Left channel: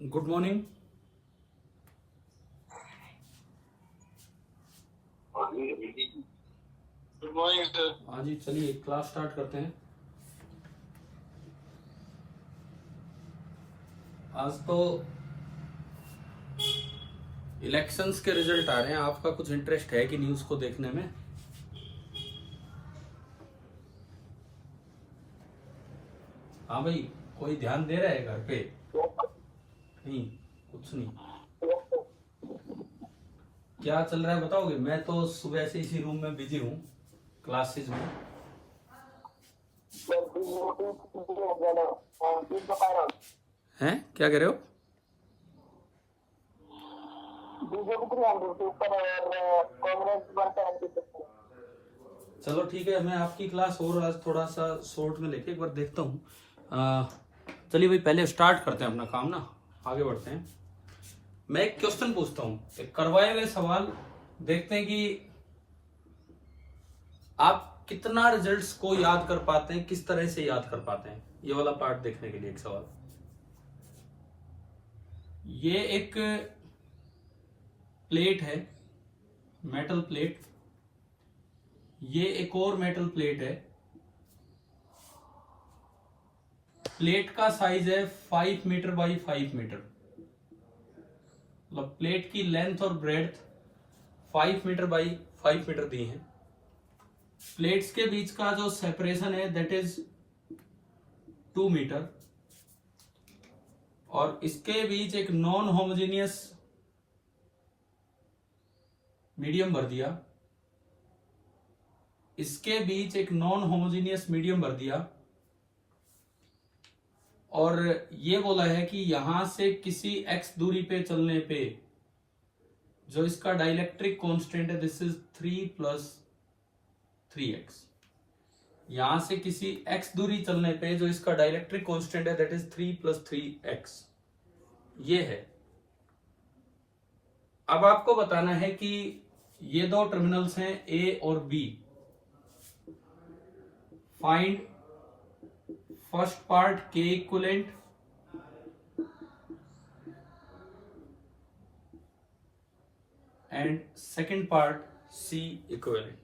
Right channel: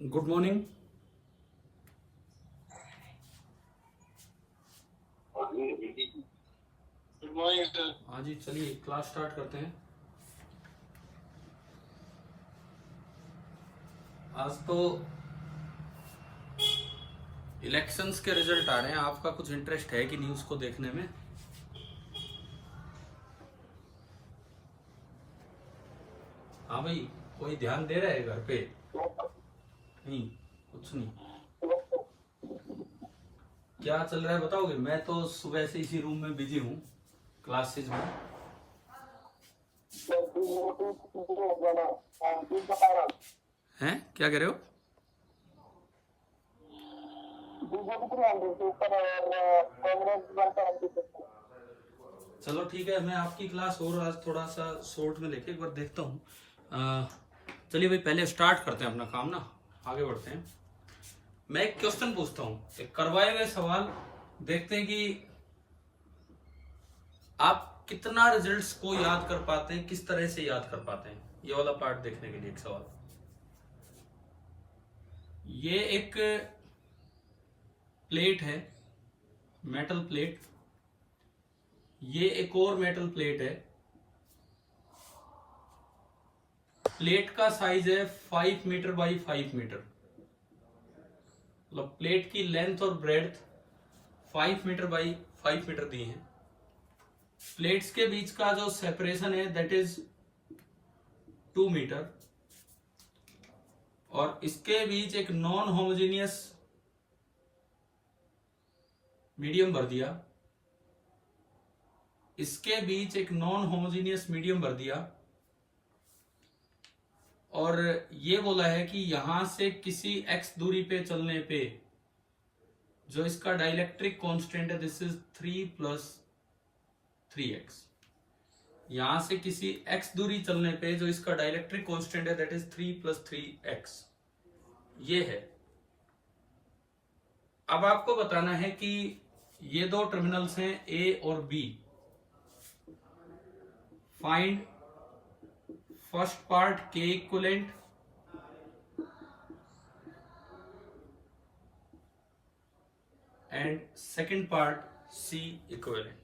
Good morning. Good morning sir. हाँ जी, चलिए class start करते हैं। आज तो इलेक्शंस के रिजल्ट आ रहे हैं। आपका कुछ इंटरेस्ट है कि नहीं उसको देखने में? हाँ भाई, कोई ध्यान दे रहा है घर पे? नहीं, कुछ नहीं। क्या चल रहा है बताओगे? मैं तो सुबह से इसी रूम में बिजी हूँ, क्लासेस में। हैं, क्या कह रहे हो? चलो ठीक है, मैं आपकी क्लास और आज थोड़ा सा शॉर्ट में लेके एक बार देखता हूँ। चलिए भाई, पहले स्टार्ट करते हैं अपना काम ना, आगे बढ़ते हैं। मैं एक क्वेश्चन पूछता हूँ, एक करवाए हुए सवाल, देखते हैं कि आप कितना रिजल्ट्स को याद कर पाते हैं, किस तरह से याद कर पाते हैं। ये वाला पार्ट देखने के लिए एक सवाल। ये एक प्लेट है, मेटल प्लेट। ये एक और मेटल प्लेट है। प्लेट का साइज है 5 मीटर बाई 5 मीटर। मतलब प्लेट की लेंथ और ब्रेड्थ 5 मीटर बाई 5 मीटर दी है। प्लेट्स के बीच का जो सेपरेशन है दैट इज 2 मीटर। और इसके बीच एक नॉन होमोजेनियस मीडियम भर दिया। इसके बीच एक नॉन होमोजेनियस मीडियम भर दिया। और ये बोला है कि यहां से किसी x दूरी पे चलने पे जो इसका डाइलेक्ट्रिक कांस्टेंट है दिस इज 3 प्लस 3x। यहां से किसी x दूरी चलने पे जो इसका डाइलेक्ट्रिक कांस्टेंट है दैट इज 3 प्लस 3x। ये है। अब आपको बताना है कि ये दो टर्मिनल्स हैं A और B। Find first part K equivalent and second part C equivalent.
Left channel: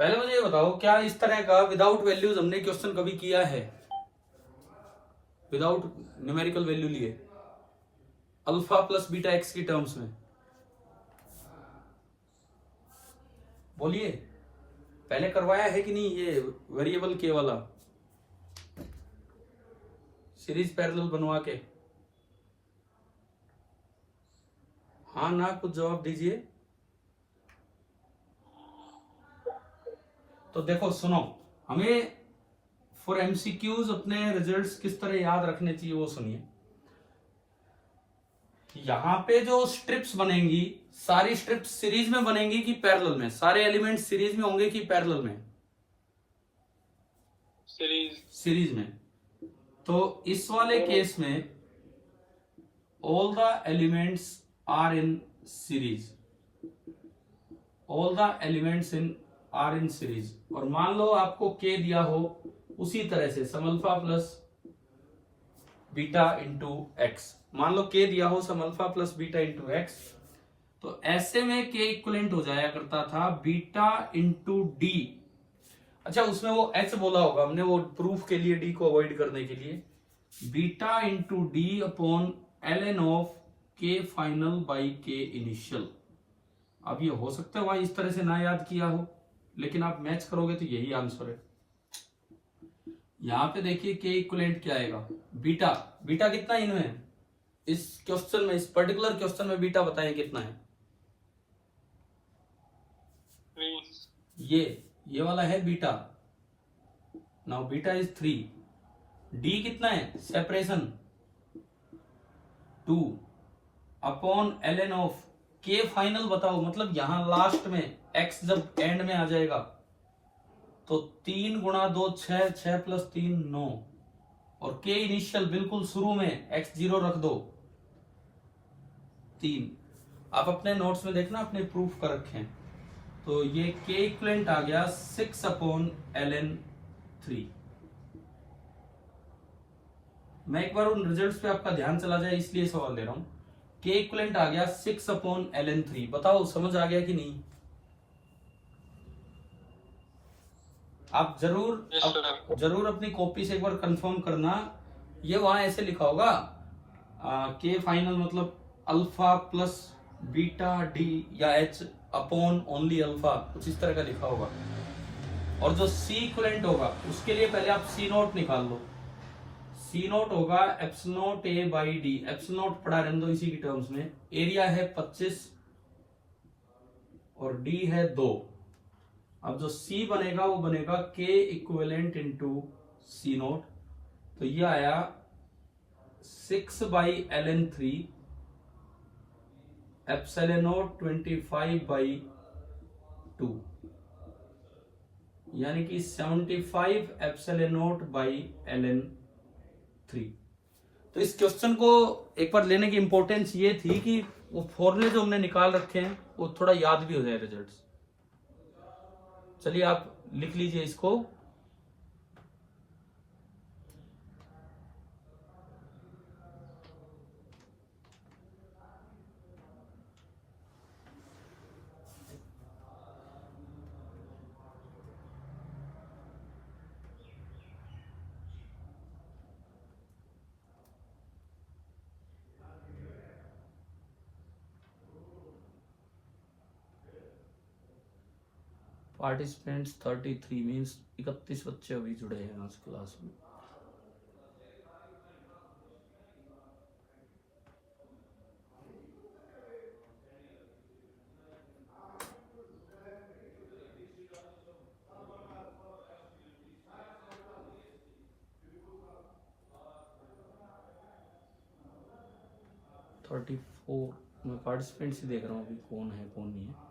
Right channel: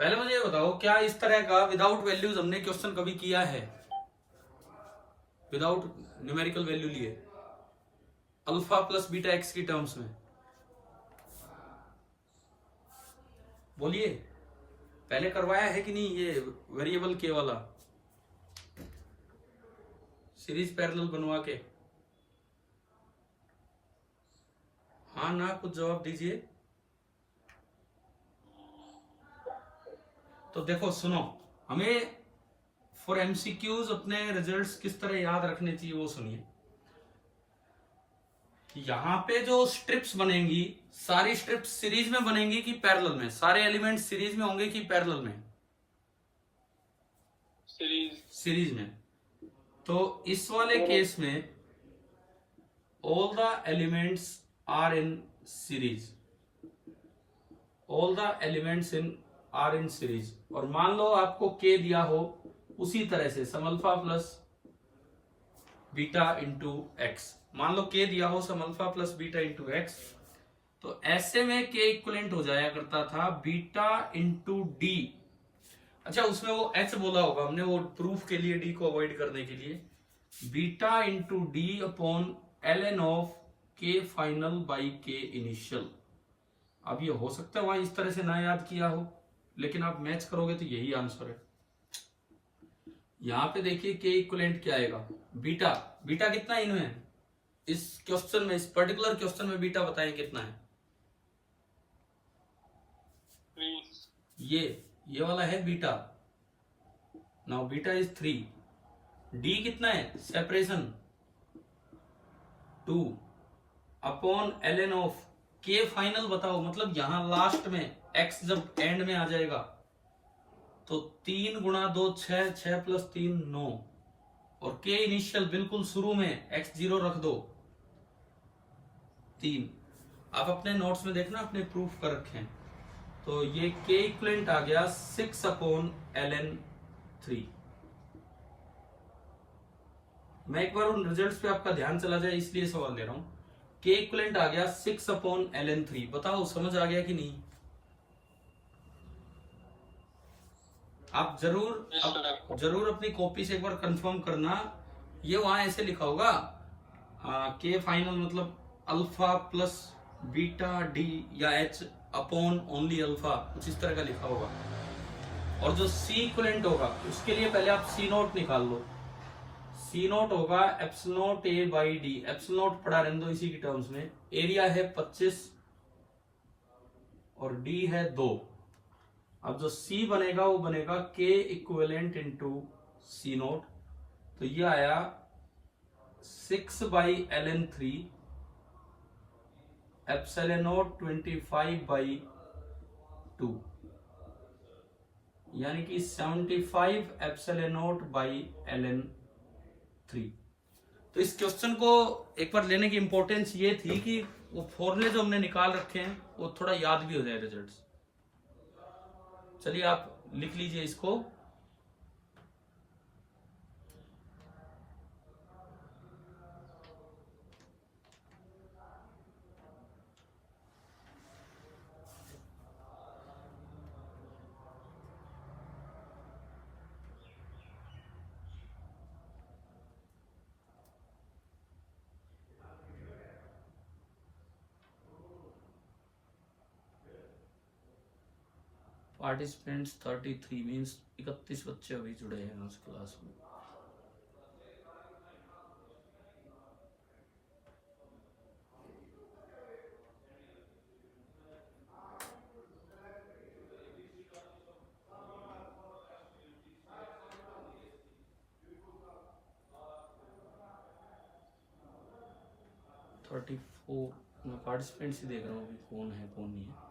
पहले मुझे ये बताओ, क्या इस तरह का विदाउट वैल्यूज हमने क्वेश्चन कभी किया है? विदाउट न्यूमेरिकल वैल्यू लिए, अल्फा प्लस बीटा एक्स की टर्म्स में? बोलिए, पहले करवाया है कि नहीं ये वेरिएबल के वाला सीरीज पैरेलल बनवा के? हाँ ना, कुछ जवाब दीजिए। तो देखो सुनो, हमें फॉर एमसीक्यूज अपने रिजल्ट्स किस तरह याद रखने चाहिए वो सुनिए। यहां पे जो स्ट्रिप्स बनेंगी, सारी स्ट्रिप्स सीरीज में बनेंगी कि पैरेलल में? सारे एलिमेंट सीरीज में होंगे कि पैरेलल में? सीरीज में। तो इस वाले केस में all the elements are in series. All the elements in are in series. और मान लो आपको के दिया हो, उसी तरह से sum alpha plus beta into x. मान लो के दिया हो sum alpha plus beta into x, तो ऐसे में के इक्वलेंट हो जाया करता था बीटा इंटू डी। अच्छा, उसमें वो एक्स बोला होगा हमने, वो प्रूफ के लिए, डी को अवॉइड करने के लिए। Beta into d upon l n of k final by k initial. अब ये हो सकता है वहां इस तरह से ना याद किया हो, लेकिन आप मैच करोगे तो यही आंसर है। यहां पे देखिए के इक्वलेंट क्या आएगा, बीटा। बीटा कितना इनमें, इस क्वेश्चन में, इस पर्टिकुलर क्वेश्चन में बीटा बताएं कितना है? ये वाला है beta. Now beta is 3। D कितना है, separation 2 upon l n of k final बताओ। मतलब यहां लास्ट में एक्स जब एंड में आ जाएगा तो 3 गुणा 2 6, 6 प्लस 3 9। और के इनिशियल बिल्कुल शुरू में एक्स 0 रख दो 3। आप अपने नोट्स में देखना, अपने प्रूफ कर रखे हैं। तो ये के इक्वलेंट आ गया 6 अपॉन एल एन 3। मैं एक बार उन रिजल्ट्स पे आपका ध्यान चला जाए इसलिए सवाल ले रहा हूं। के इक्विवेलेंट आ गया 6/ln3, बताओ समझ आ गया कि नहीं? आप जरूर अपनी कॉपी से एक बार कंफर्म करना। ये वहां ऐसे लिखा होगा के फाइनल मतलब अल्फा प्लस बीटा डी या एच अपॉन ओनली अल्फा, कुछ इस तरह का लिखा होगा। और जो सी इक्विवेलेंट होगा उसके लिए पहले आप सी नोट निकाल लो। सी नोट होगा epsilon note A by D, epsilon note पढ़ा रहने दो इसी की टर्म्स में। एरिया है 25 और डी है 2। अब जो सी बनेगा वो बनेगा के इक्विवेलेंट इंटू सी नोट, तो ये आया 6/ln3 एप्सिलॉन नोट 25/2, यानी कि 75 एप्सिलॉन नोट बाई ln3। तो इस क्वेश्चन को एक बार लेने की इंपॉर्टेंस ये थी कि वो फॉर्मूले जो हमने निकाल रखे हैं वो थोड़ा याद भी हो जाए रिजल्ट्स। चलिए आप लिख लीजिए इसको। पार्टिसिपेंट्स 33 मीन्स 31 बच्चे अभी जुड़े हैं आज क्लास में। थर्टी फोर मैं पार्टिसिपेंट्स ही देख रहा हूँ अभी कौन है कौन नहीं है।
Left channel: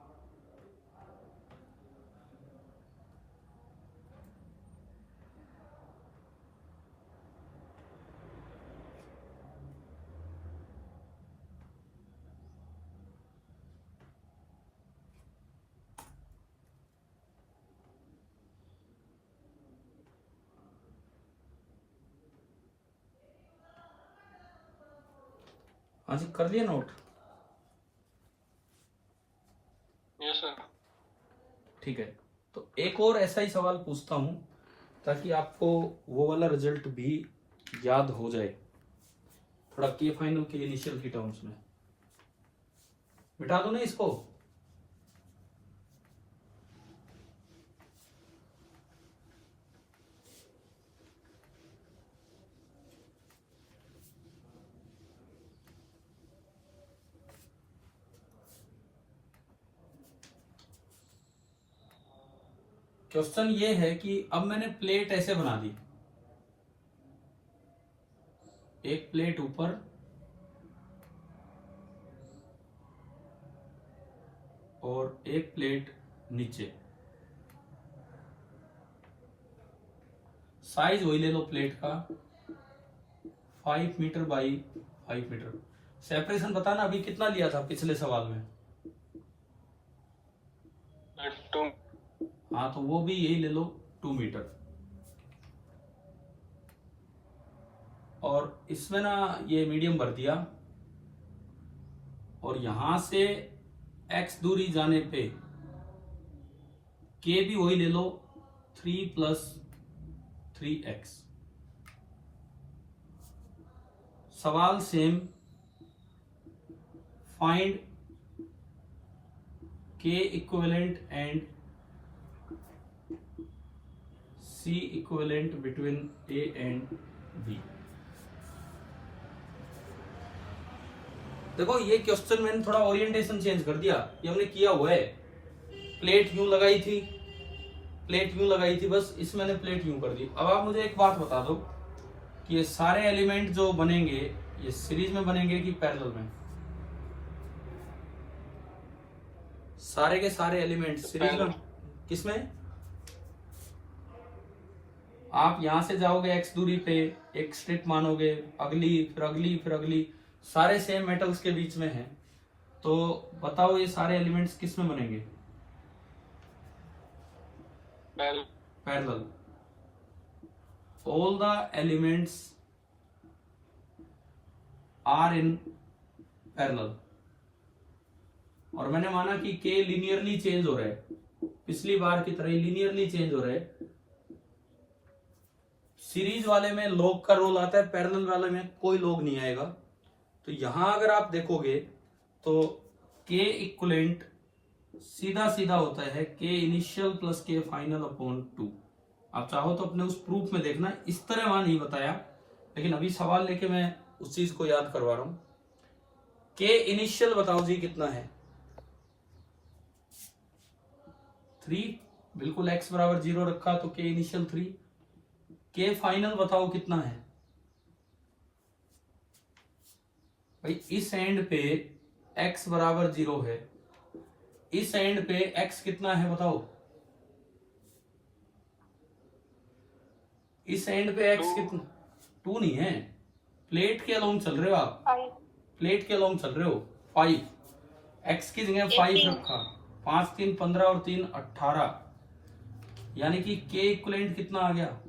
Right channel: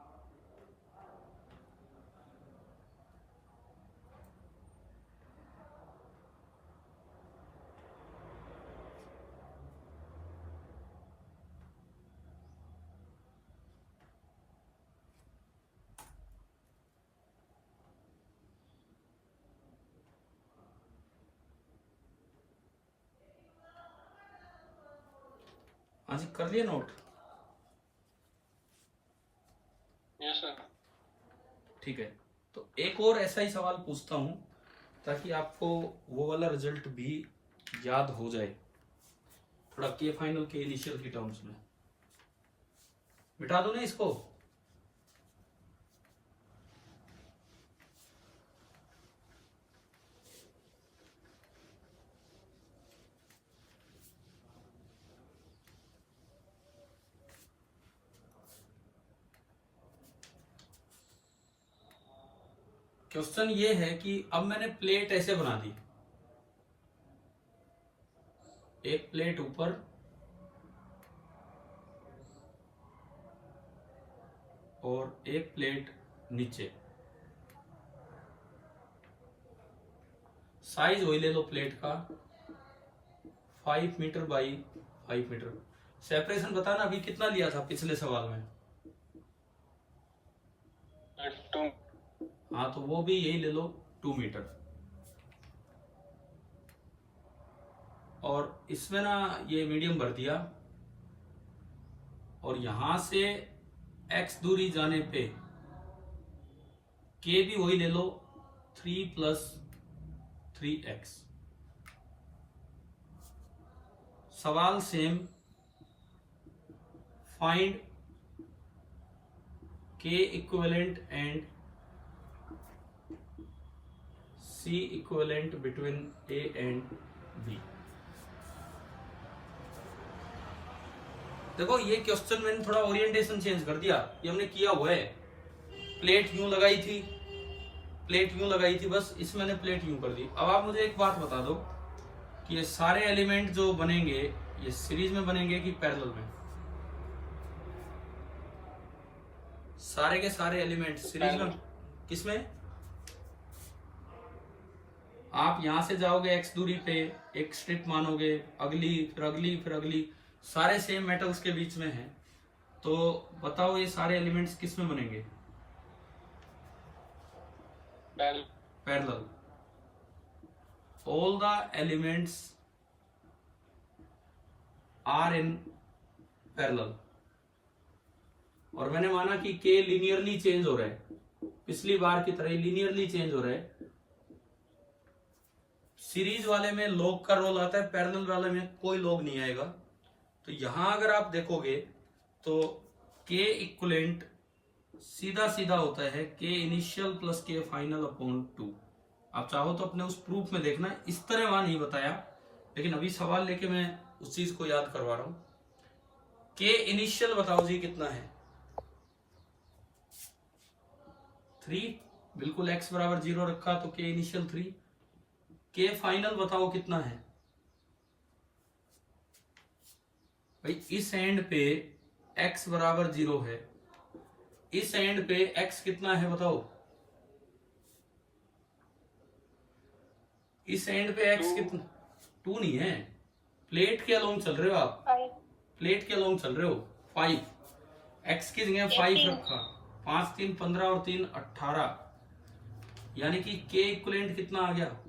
हाँ जी, कर लिया नोट? Yes sir. ठीक है, तो एक और ऐसा ही सवाल पूछता हूं ताकि आपको वो वाला रिजल्ट भी याद हो जाए, थोड़ा के फाइनल के इनिशियल की टर्म्स में। मिटा दो ना इसको। क्वेश्चन ये है कि अब मैंने प्लेट ऐसे बना दी, एक प्लेट ऊपर और एक प्लेट नीचे। साइज वही ले लो प्लेट का 5 मीटर बाई 5 मीटर। सेपरेशन बताना अभी कितना लिया था पिछले सवाल में? 2। हाँ तो वो भी यही ले लो 2 मीटर। और इसमें ना ये मीडियम भर दिया और यहां से x दूरी जाने पे k भी वही ले लो 3 + 3x। सवाल same, find k equivalent and c equivalent between a and b। देखो ये क्वेश्चन मैंने थोड़ा ओरिएंटेशन चेंज कर दिया, ये हमने किया हुआ है। प्लेट यूं लगाई थी, प्लेट यूं लगाई थी, बस इसमें मैंने प्लेट यूं कर दी। अब आप मुझे एक बात बता दो कि ये सारे एलिमेंट जो बनेंगे ये सीरीज में बनेंगे कि पैरेलल में? सारे के सारे एलिमेंट सीरीज में। किसमें? आप यहां से जाओगे x दूरी पे, एक स्ट्रिप मानोगे, अगली फिर अगली फिर अगली, सारे सेम मेटल्स के बीच में हैं, तो बताओ ये सारे एलिमेंट्स किस में बनेंगे? Parallel. All the elements are in parallel, और मैंने माना कि के लीनियरली चेंज हो रहा है, पिछली बार की तरह लीनियरली चेंज हो रहा है। सीरीज वाले में लॉग का रोल आता है, पैरेलल वाले में कोई लॉग नहीं आएगा। तो यहां अगर आप देखोगे तो के इक्वलेंट सीधा सीधा होता है के इनिशियल प्लस के फाइनल अपॉन 2। आप चाहो तो अपने उस प्रूफ में देखना, इस तरह वहां नहीं बताया, लेकिन अभी सवाल लेके मैं उस चीज को याद करवा रहा हूं। के इनिशियल बताओ जी कितना है? 3, बिल्कुल x बराबर 0 रखा तो के इनिशियल 3। के फाइनल बताओ कितना है भाई? इस एंड पे x बराबर 0 है, इस एंड पे x कितना है बताओ? इस एंड पे x कितना? 2 नहीं है, प्लेट के अलोंग चल रहे हो आप, प्लेट के अलोंग चल रहे हो। 5, x की जगह 5 रखा, 5 3 15 और 3 18, यानी कि के इक्वलेंट कितना आ गया?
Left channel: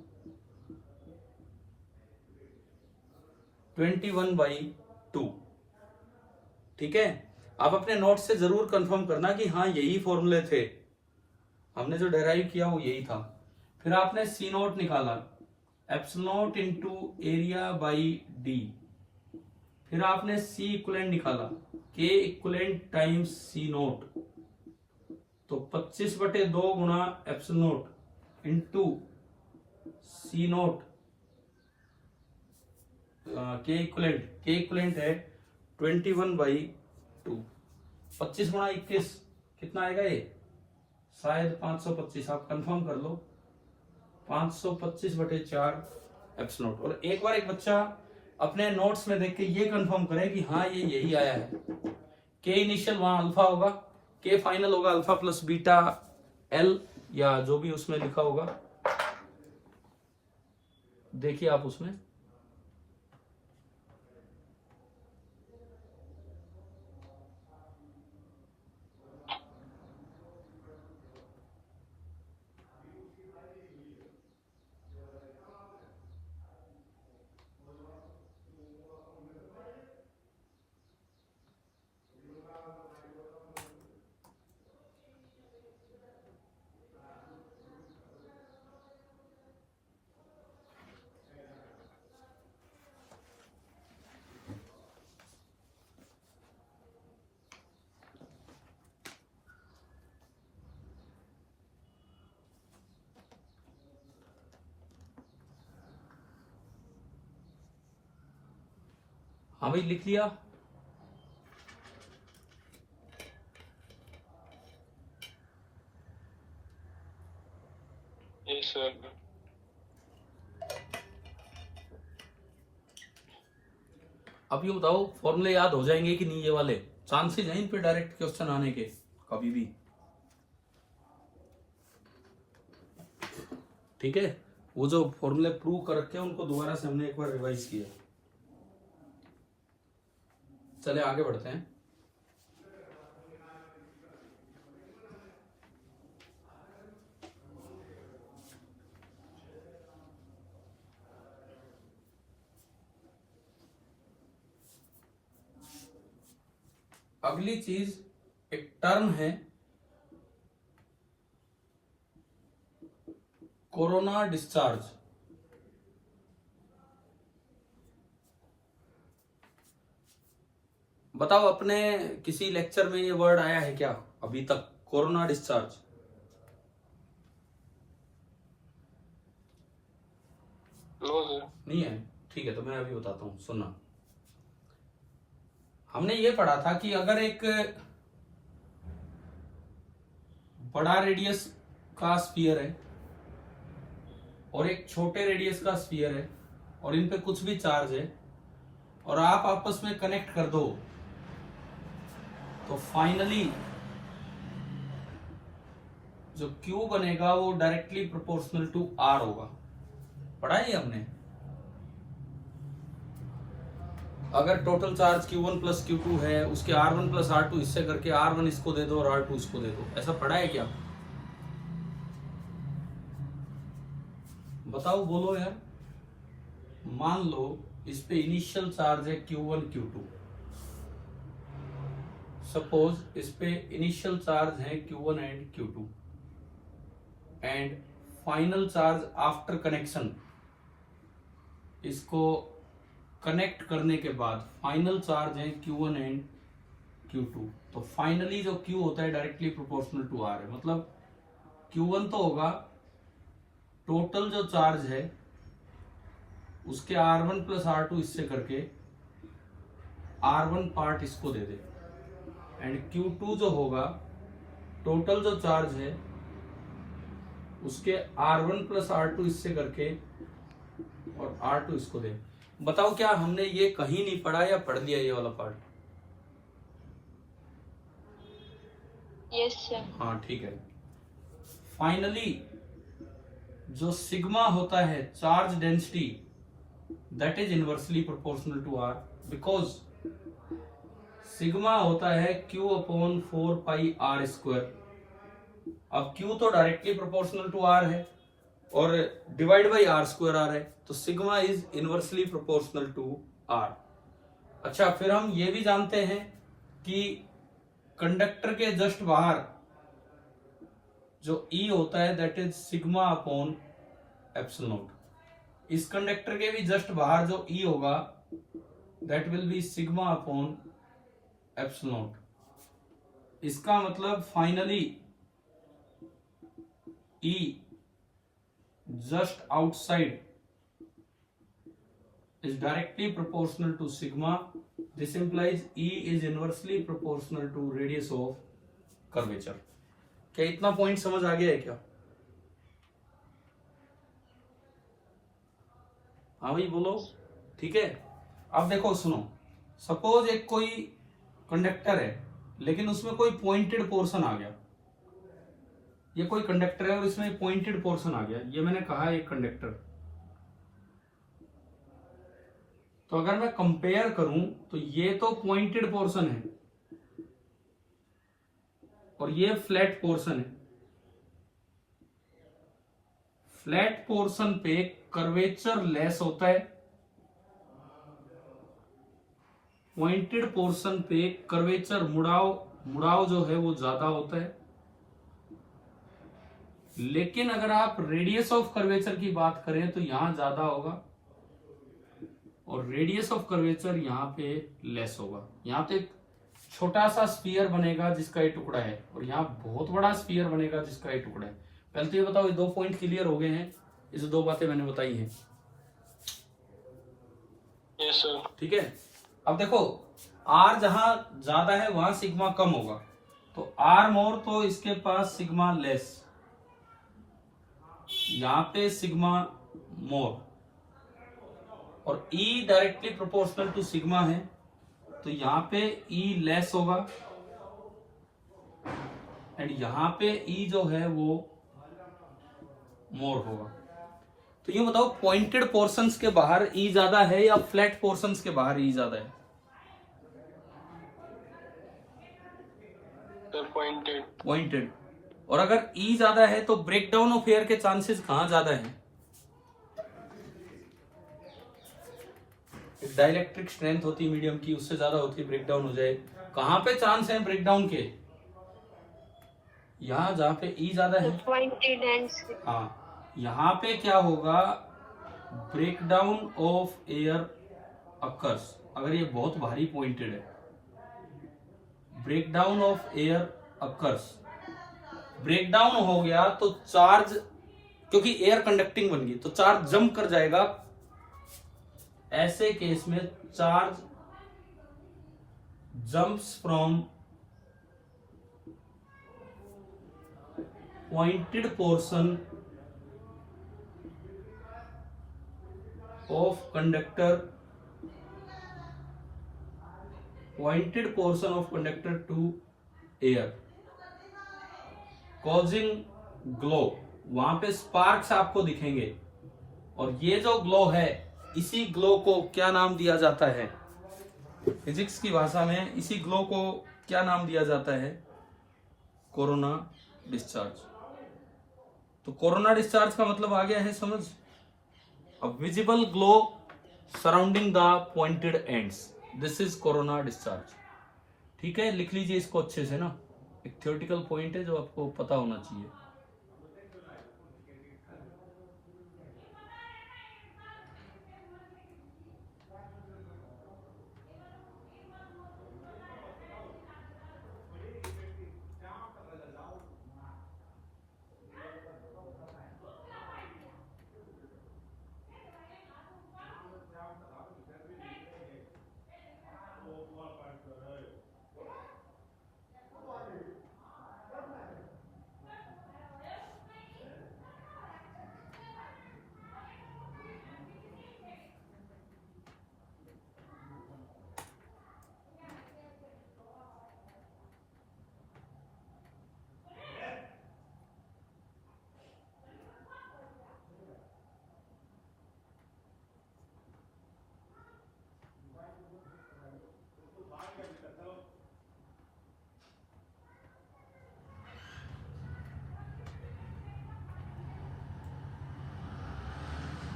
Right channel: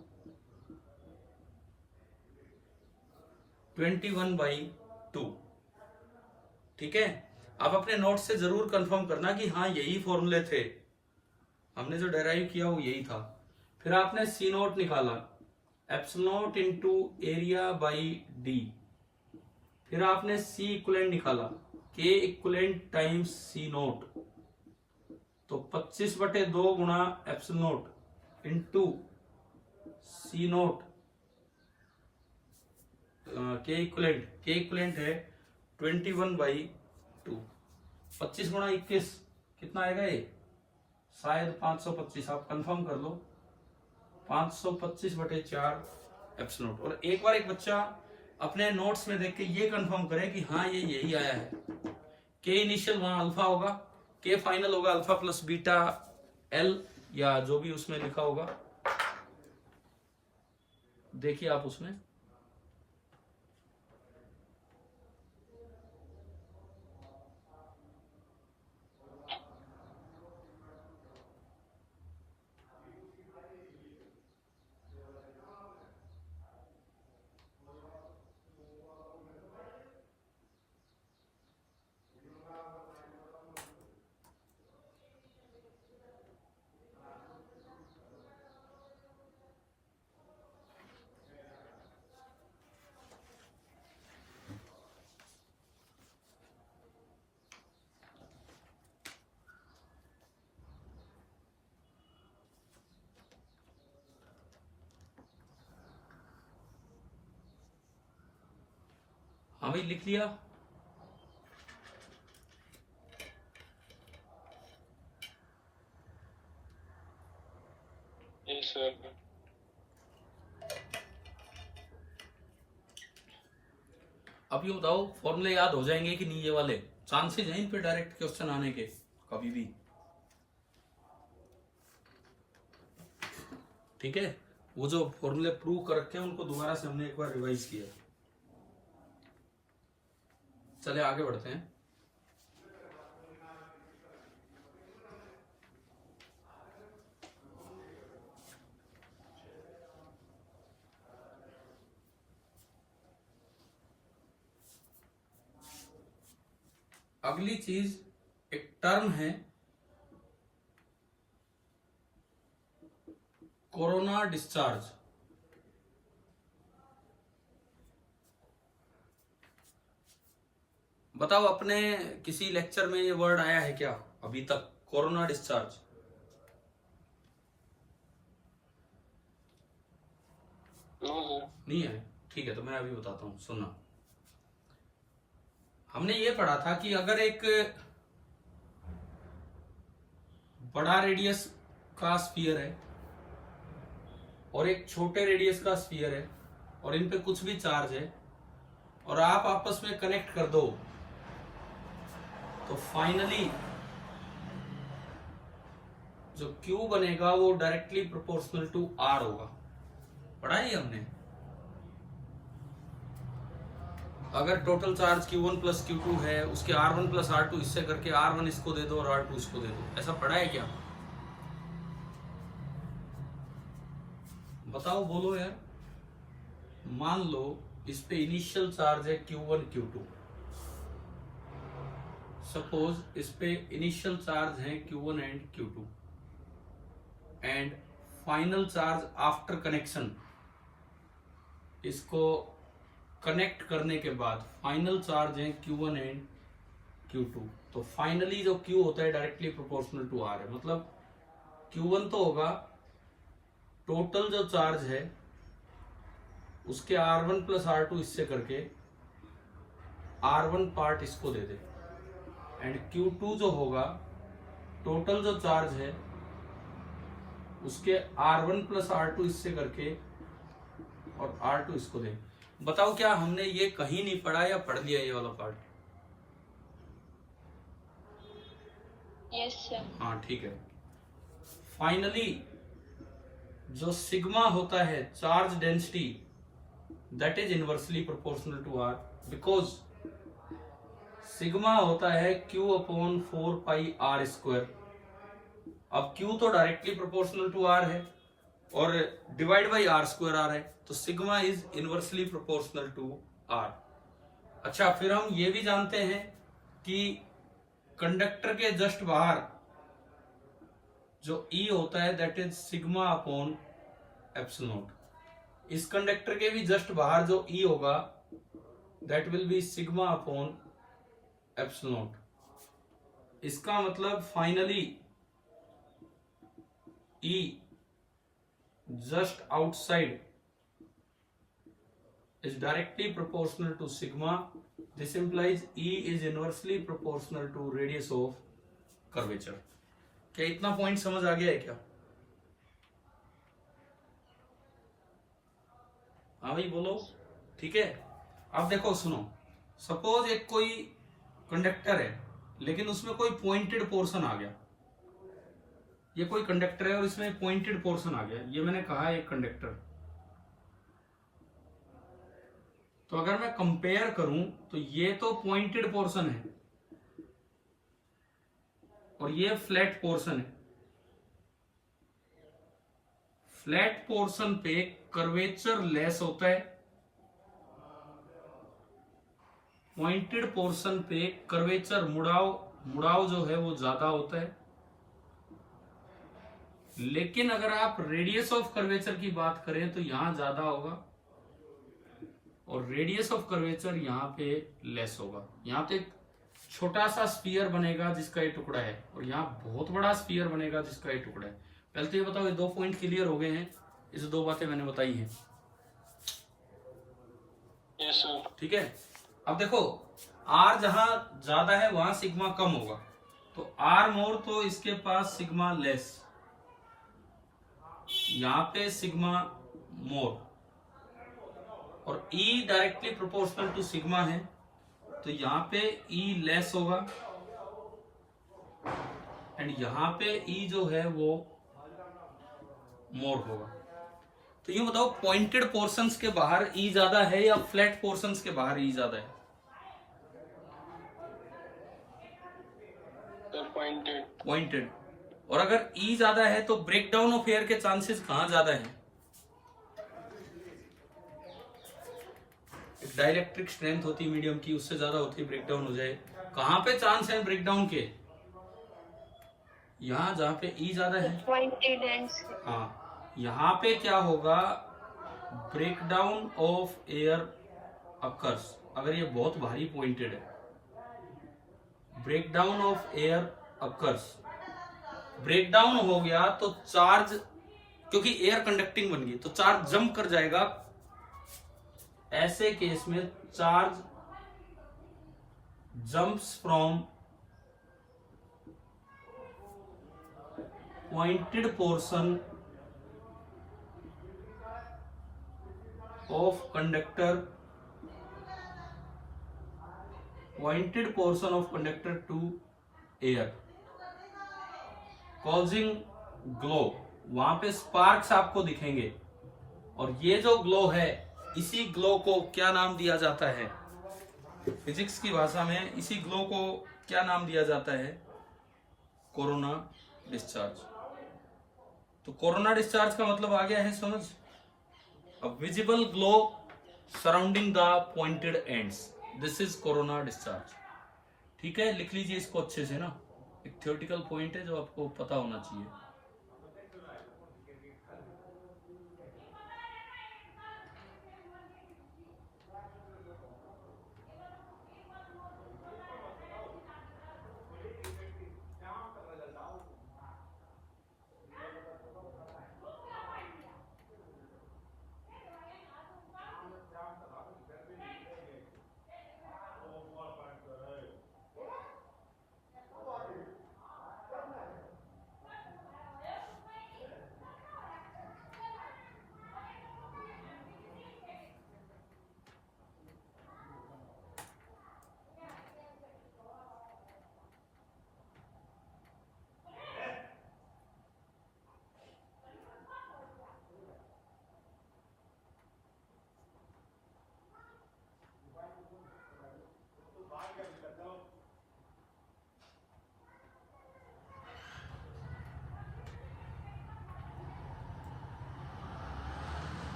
21/2। ठीक है, आप अपने नोट से जरूर कंफर्म करना कि हाँ यही फॉर्मूले थे, हमने जो डेराइव किया वो यही था। फिर आपने सी नोट निकाला, epsilon note into area by D. फिर आपने सी इक्वलेंट निकाला, के इक्वलेंट टाइम्स सी नोट, तो 25/2 गुणा एप्सिलॉन नोट इंटू सी नोट। के इक्वलेंट है 21/2। 25 गुणा 21 कितना आएगा ये? शायद 525, आप कंफर्म कर लो। 525/4 एप्सिलॉन नोट। और एक बार एक बच्चा अपने नोट्स में देख के ये कंफर्म करे कि हाँ ये यही आया है। के इनिशियल वहां अल्फा होगा, के फाइनल होगा अल्फा प्लस बीटा एल, या जो भी उसमें लिखा होगा, देखिए आप उसमें। हाँ भाई लिख लिया? Yes sir. अब ये बताओ फॉर्मूले याद हो जाएंगे कि नहीं? ये वाले चांसेस हैं इन पे डायरेक्ट क्वेश्चन आने के कभी भी। ठीक है, वो जो फॉर्मूले प्रूव कर रखे हैं उनको दोबारा से हमने एक बार रिवाइज किया। चले आगे बढ़ते हैं। अगली चीज एक टर्म है कोरोना डिस्चार्ज। बताओ अपने किसी लेक्चर में ये वर्ड आया है क्या अभी तक? Corona discharge no sir. नहीं है? ठीक है, तो मैं अभी बताता हूं, सुनना। हमने ये पढ़ा था कि अगर एक बड़ा रेडियस का स्फीयर है और एक छोटे रेडियस का स्फीयर है और इन पे कुछ भी चार्ज है और आप आपस में कनेक्ट कर दो, तो फाइनली जो Q बनेगा वो डायरेक्टली प्रोपोर्शनल टू R होगा। पढ़ा है हमने? अगर total charge Q1 plus Q2 है, उसके R1 प्लस R2 इससे करके R1 इसको दे दो और R2 इसको दे दो। ऐसा पढ़ा है क्या? बताओ, बोलो यार। मान लो इस पे इनिशियल चार्ज है Q1 Q2। सपोज इस पे इनिशियल चार्ज है Q1 and Q2 and final charge after connection, इसको कनेक्ट करने के बाद फाइनल चार्ज है Q1 एंड Q2। तो फाइनली जो Q होता है डायरेक्टली प्रोपोर्शनल टू R है, मतलब Q1 तो होगा टोटल जो चार्ज है उसके R1 प्लस R2 इससे करके R1 पार्ट इसको दे दे, एंड Q2 जो होगा टोटल जो चार्ज है उसके R1 प्लस R2 इससे करके और R2 इसको दे। बताओ क्या हमने ये कहीं नहीं पढ़ा या पढ़ लिया ये वाला पार्ट? Yes sir. हाँ ठीक है। फाइनली जो सिग्मा होता है charge density, that is inversely proportional to r, because sigma होता है Q upon 4 pi r square. अब Q तो डायरेक्टली प्रोपोर्शनल टू आर है और divide by r square r है, तो sigma is inversely proportional to r. अच्छा, फिर हम ये भी जानते हैं कि कंडक्टर के जस्ट बाहर जो E होता है that is sigma upon epsilon not. इस कंडक्टर के भी जस्ट बाहर जो E होगा that will be sigma upon epsilon not. इसका मतलब finally E just outside is directly proportional to sigma. This implies E is inversely proportional to radius of curvature. क्या इतना पॉइंट समझ आ गया है क्या? हाँ भाई बोलो, ठीक है। अब देखो सुनो, सपोज एक कोई कंडक्टर है लेकिन उसमें कोई पॉइंटेड पोर्शन आ गया। ये कोई कंडक्टर है और इसमें एक पॉइंटेड पोर्शन आ गया। ये मैंने कहा है एक कंडक्टर। तो अगर मैं कंपेयर करूं तो ये तो पॉइंटेड पोर्शन है और ये फ्लैट पोर्शन है। फ्लैट पोर्शन पे कर्वेचर लेस होता है, पॉइंटेड पोर्शन पे कर्वेचर मुड़ाव जो है वो ज्यादा होता है। लेकिन अगर आप रेडियस ऑफ कर्वेचर की बात करें तो यहां ज्यादा होगा और रेडियस ऑफ कर्वेचर यहां पे लेस होगा। यहां पे एक छोटा सा स्फीयर बनेगा जिसका ये टुकड़ा है और यहाँ बहुत बड़ा स्फीयर बनेगा जिसका ये टुकड़ा है। पहले तो ये बताओ, ये 2 पॉइंट क्लियर हो गए हैं? इस 2 बातें मैंने बताई हैं। Yes sir. ठीक है। अब देखो R जहां ज्यादा है वहां सिग्मा कम होगा, तो R मोर तो इसके पास सिग्मा लेस, यहां पे सिग्मा मोर, और E directly proportional to sigma है तो यहां पे E लेस होगा एंड यहां पे E जो है वो मोर होगा। तो ये बताओ पॉइंटेड पोर्शंस के बाहर E ज्यादा है या फ्लैट पोर्शंस के बाहर E ज्यादा है? पॉइंटेड। और अगर E ज्यादा है तो ब्रेकडाउन ऑफ एयर के चांसेस कहां ज्यादा है? डाइलेक्ट्रिक स्ट्रेंथ होती मीडियम की, उससे ज्यादा होती ब्रेकडाउन हो जाए। कहां पे चांस है ब्रेकडाउन के? यहां जहां पे E ज्यादा है। हाँ, यहां पे क्या होगा, ब्रेकडाउन ऑफ एयर अकर्स। अगर ये बहुत भारी पॉइंटेड है, breakdown of air occurs, breakdown हो गया तो चार्ज, क्योंकि एयर कंडक्टिंग बन गई तो चार्ज जंप कर जाएगा। ऐसे केस में charge jumps from pointed portion of conductor to air, causing glow. वहां पे स्पार्क्स आपको दिखेंगे और ये जो ग्लो है, इसी ग्लो को क्या नाम दिया जाता है? फिजिक्स की भाषा में इसी ग्लो को क्या नाम दिया जाता है? Corona discharge. तो कोरोना डिस्चार्ज का मतलब आ गया है समझ। अब visible glow surrounding the pointed ends, this is corona discharge. ठीक है, लिख लीजिए इसको अच्छे से ना, एक थ्योरेटिकल पॉइंट है जो आपको पता होना चाहिए।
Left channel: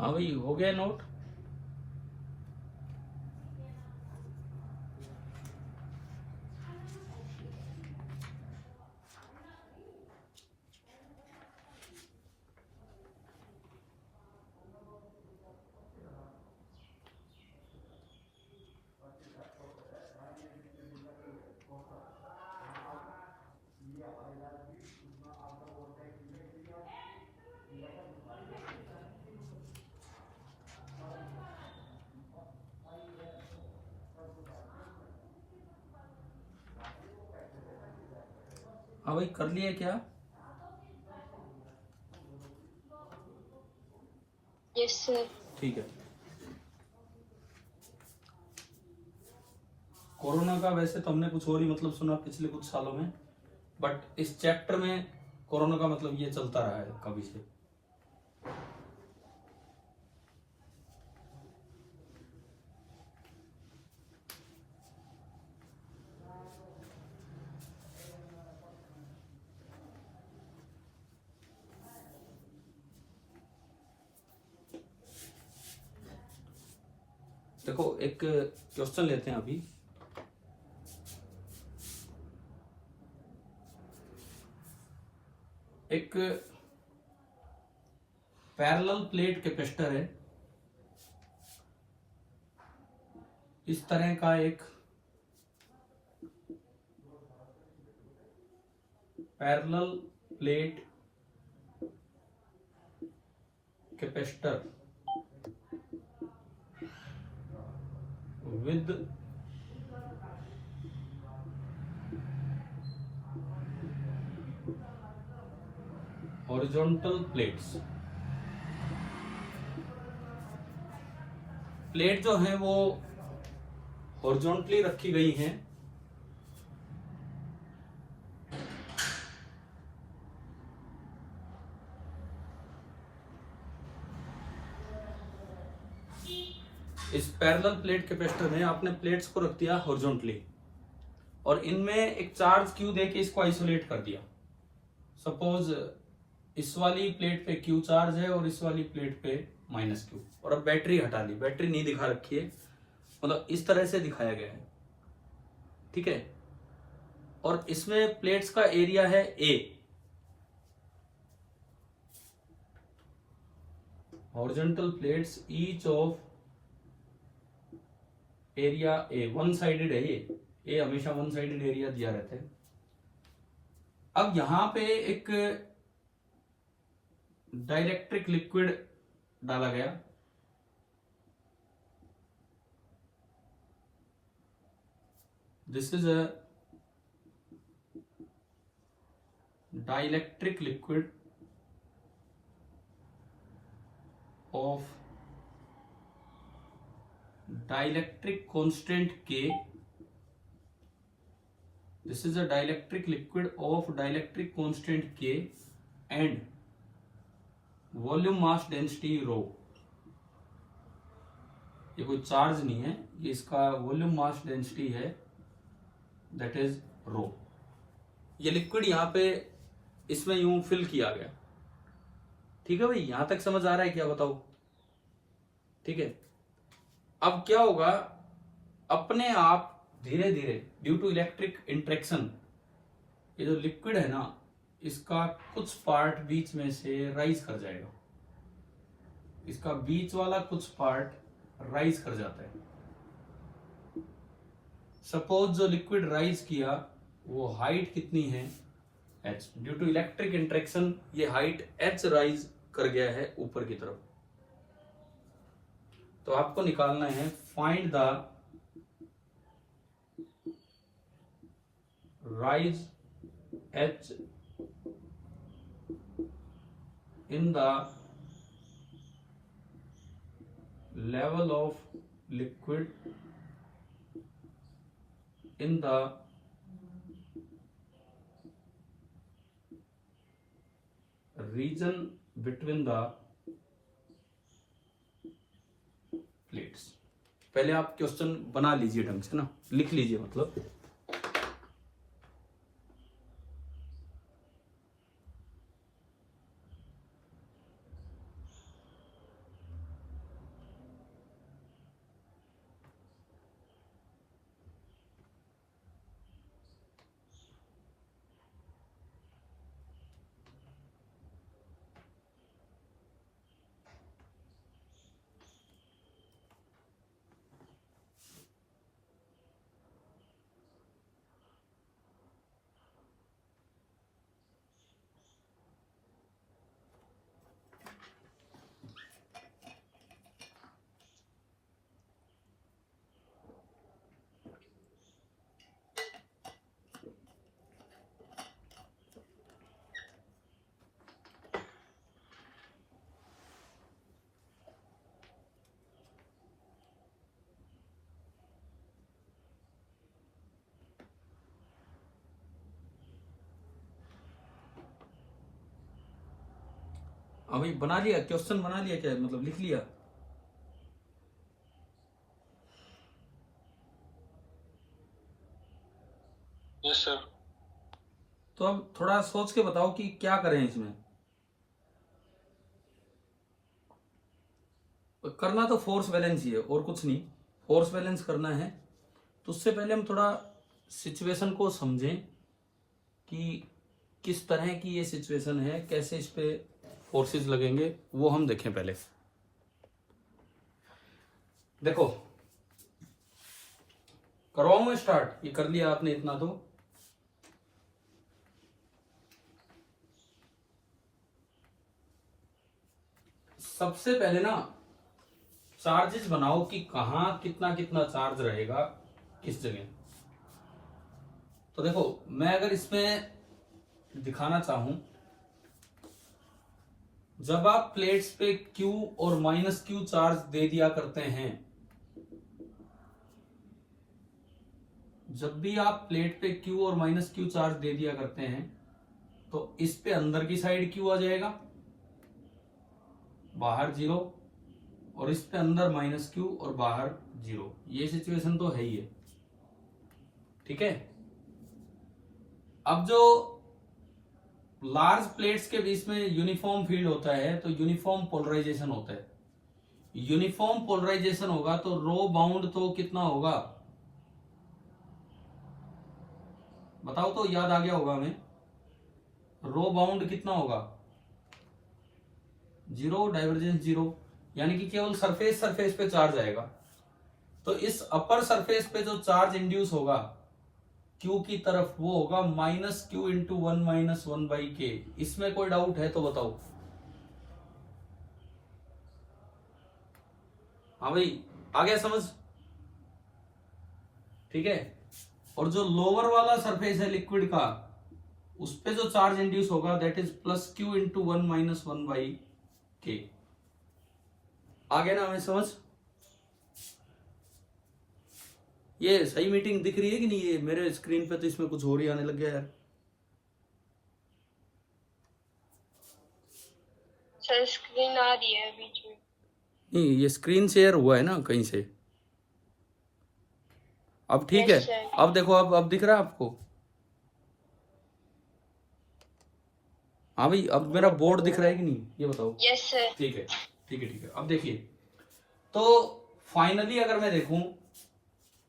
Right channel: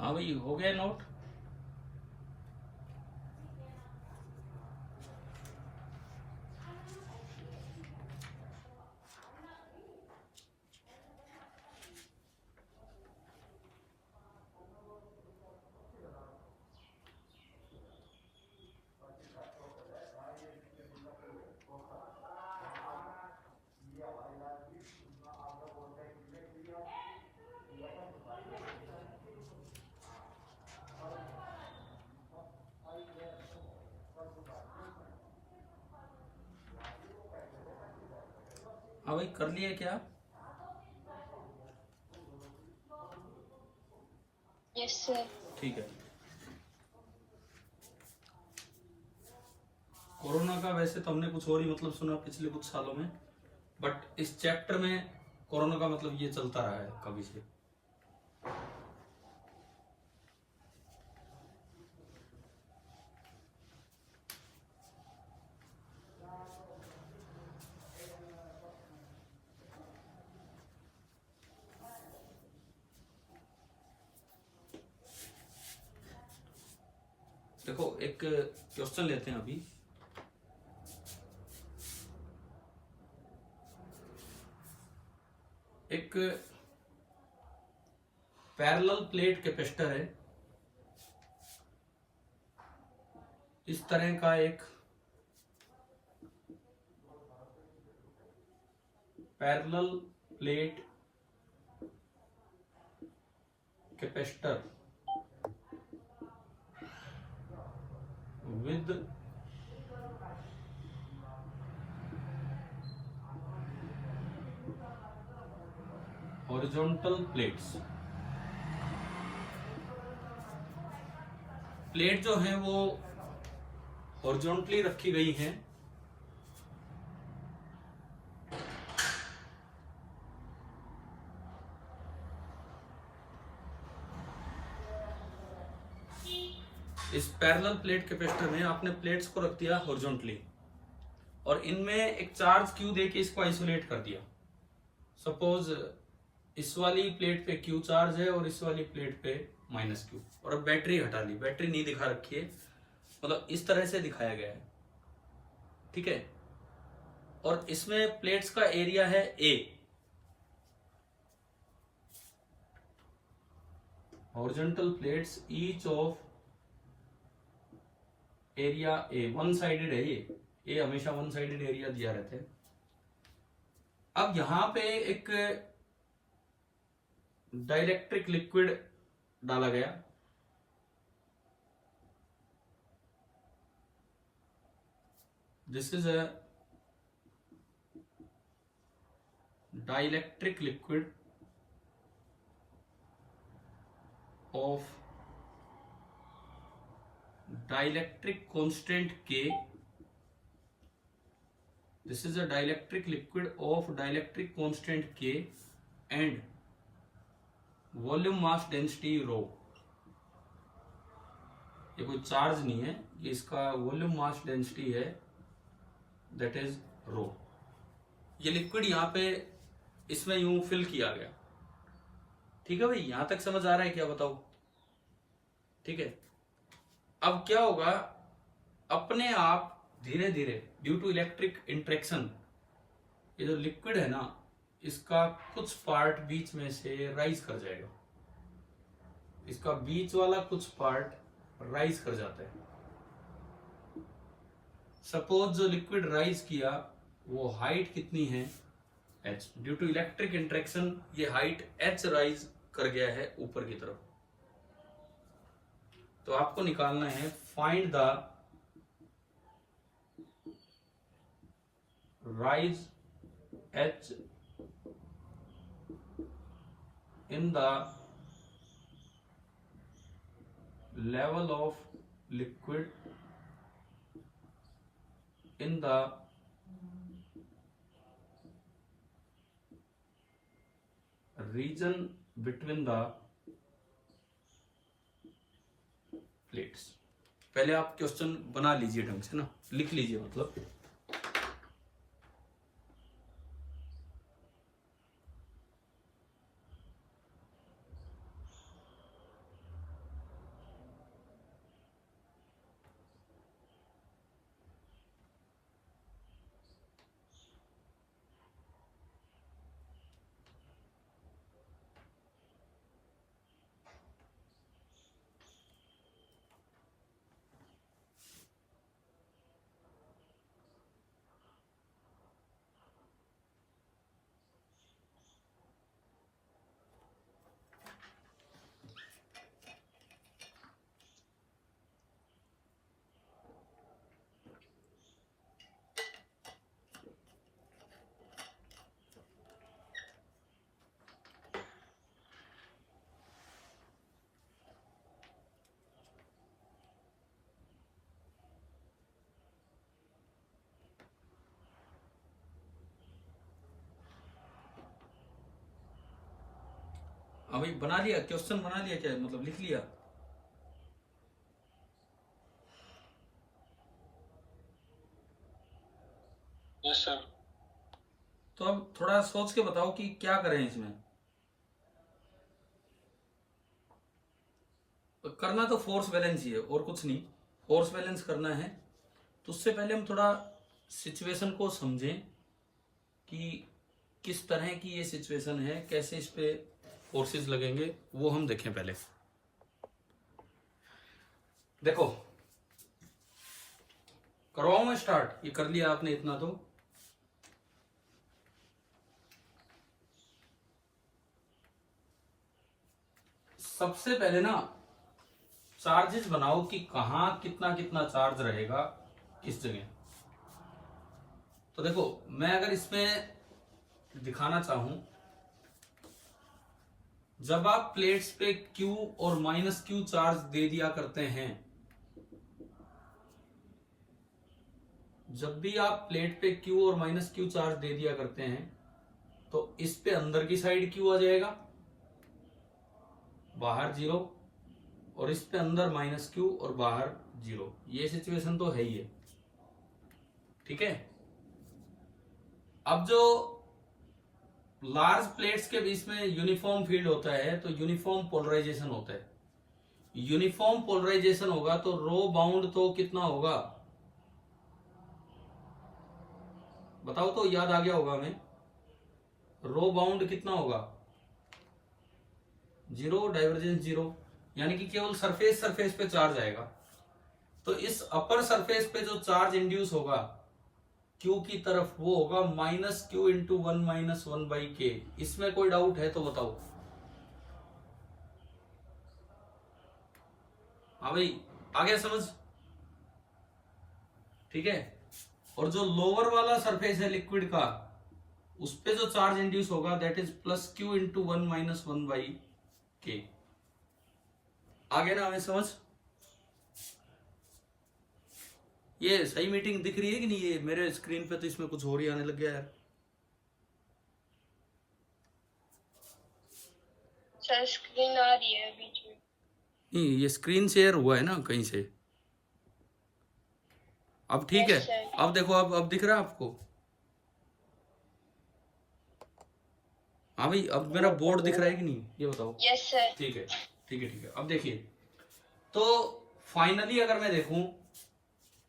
हाँ भाई, हो गया नोट? हाँ भाई, कर लिया क्या? Yes sir. ठीक है। कोरोना का वैसे तो हमने कुछ और ही मतलब सुना पिछले कुछ सालों में, बट इस चैप्टर में कोरोना का मतलब ये चलता रहा है कभी से। देखो, एक क्वेश्चन लेते हैं अभी। एक पैरेलल प्लेट कैपेसिटर है, इस तरह का एक parallel plate capacitor with horizontal plates। Plate जो है वो हॉरिजॉन्टली रखी गई हैं, इस पैरेलल प्लेट कैपेसिटर में आपने प्लेट्स को रख दिया हॉरिजॉन्टली, और इनमें एक चार्ज क्यू देके इसको आइसोलेट कर दिया। सपोज इस वाली प्लेट पे क्यू चार्ज है और इस वाली प्लेट पे माइनस क्यू, और अब बैटरी हटा ली, बैटरी नहीं दिखा रखी है, मतलब इस तरह से दिखाया गया है। ठीक है, और इसमें प्लेट्स का एरिया है A, horizontal plates each of area A, one sided है ये, ए हमेशा वन साइडेड एरिया दिया रहता है। अब यहां पे एक डाइलेक्ट्रिक लिक्विड डाला गया, this is a dielectric liquid of dielectric constant K. This is a dielectric liquid of dielectric constant K and volume mass density rho. ये कोई चार्ज नहीं है, ये इसका वॉल्यूम मास डेंसिटी है, दैट इज रो. ये लिक्विड यहाँ पे इसमें यूं फिल किया गया. ठीक है भाई, यहां तक समझ आ रहा है क्या, बताओ. ठीक है, अब क्या होगा, अपने आप धीरे धीरे ड्यू टू इलेक्ट्रिक इंट्रैक्शन ये जो लिक्विड है ना, इसका कुछ पार्ट बीच में से राइज कर जाएगा. इसका बीच वाला कुछ पार्ट राइज कर जाता है. सपोज जो लिक्विड राइज किया वो हाइट कितनी है, h. Due to electric interaction ये हाइट h राइज कर गया है ऊपर की तरफ. तो आपको निकालना है find the rise h in the level of liquid in the region between the plates. पहले आप क्वेश्चन बना लीजिए ढंग से ना, लिख लीजिए मतलब. अभी बना लिया क्वेश्चन, बना लिया क्या, मतलब लिख लिया. Yes sir. तो अब थोड़ा सोच के बताओ कि क्या करें इसमें. करना तो फोर्स बैलेंस ही है और कुछ नहीं, फोर्स बैलेंस करना है. तो उससे पहले हम थोड़ा सिचुएशन को समझें कि किस तरह की ये सिचुएशन है, कैसे इस पे फोर्सेस लगेंगे, वो हम देखें पहले. देखो, करवाऊं मैं स्टार्ट, ये कर लिया आपने इतना. तो सबसे पहले ना चार्जेस बनाओ कि कहां कितना कितना चार्ज रहेगा किस जगह. तो देखो, मैं अगर इसमें दिखाना चाहूं, जब आप प्लेट्स पे Q और माइनस Q चार्ज दे दिया करते हैं, जब भी आप प्लेट पे Q और माइनस Q चार्ज दे दिया करते हैं तो इस पे अंदर की साइड Q आ जाएगा, बाहर 0, और इस पे अंदर माइनस Q और बाहर 0. ये सिचुएशन तो है ही है. ठीक है. अब जो लार्ज प्लेट्स के बीच में यूनिफॉर्म फील्ड होता है तो यूनिफॉर्म पोलराइजेशन होता है. यूनिफॉर्म पोलराइजेशन होगा तो रो बाउंड तो कितना होगा, बताओ तो, याद आ गया होगा हमें. रो बाउंड कितना होगा, 0, डाइवर्जेंस 0, यानी कि केवल सरफेस पे चार्ज आएगा. तो इस अपर सरफेस पे जो चार्ज इंड्यूस होगा Q की तरफ, वो होगा minus Q into 1 minus 1 by के. इसमें कोई डाउट है तो बताओ. हाँ भाई, आ गया समझ. ठीक है. और जो लोअर वाला सरफेस है लिक्विड का, उस पे जो चार्ज इंड्यूस होगा that is plus Q into 1 minus 1 by के. आगे ना हमें समझ। ये सही मीटिंग दिख रही है कि नहीं? ये मेरे स्क्रीन पे तो इसमें कुछ और ही आने लग गया यार। सर स्क्रीन आ रही है बीच में। नहीं, ये स्क्रीन शेयर हुआ है ना कहीं से। अब ठीक है। Yes sir. अब देखो, अब दिख रहा है आपको? हाँ भाई, अब मेरा बोर्ड दिख रहा है कि नहीं, ये बताओ। Yes sir. ठीक है, ठीक है, ठीक है। अब देखिए, तो फाइनली अगर मैं देखूं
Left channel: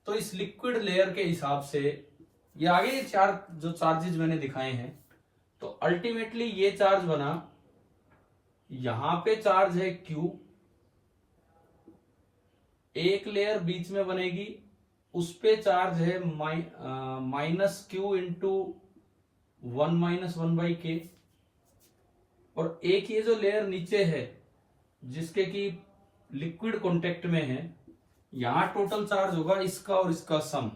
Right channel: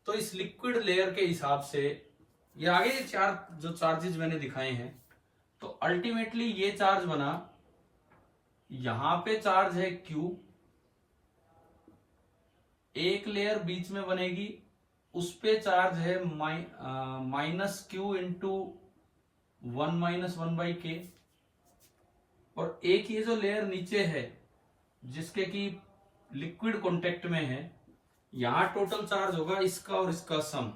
तो इस लिक्विड लेयर के हिसाब से ये आगे ये चार जो चार्जेस मैंने दिखाए हैं, तो अल्टीमेटली ये चार्ज बना, यहां पे चार्ज है Q, एक लेयर बीच में बनेगी, उस पे चार्ज है माइनस Q इंटू 1-1/k, और एक ये जो लेयर नीचे है जिसके की लिक्विड कांटेक्ट में है, यहां टोटल चार्ज होगा इसका और इसका सम।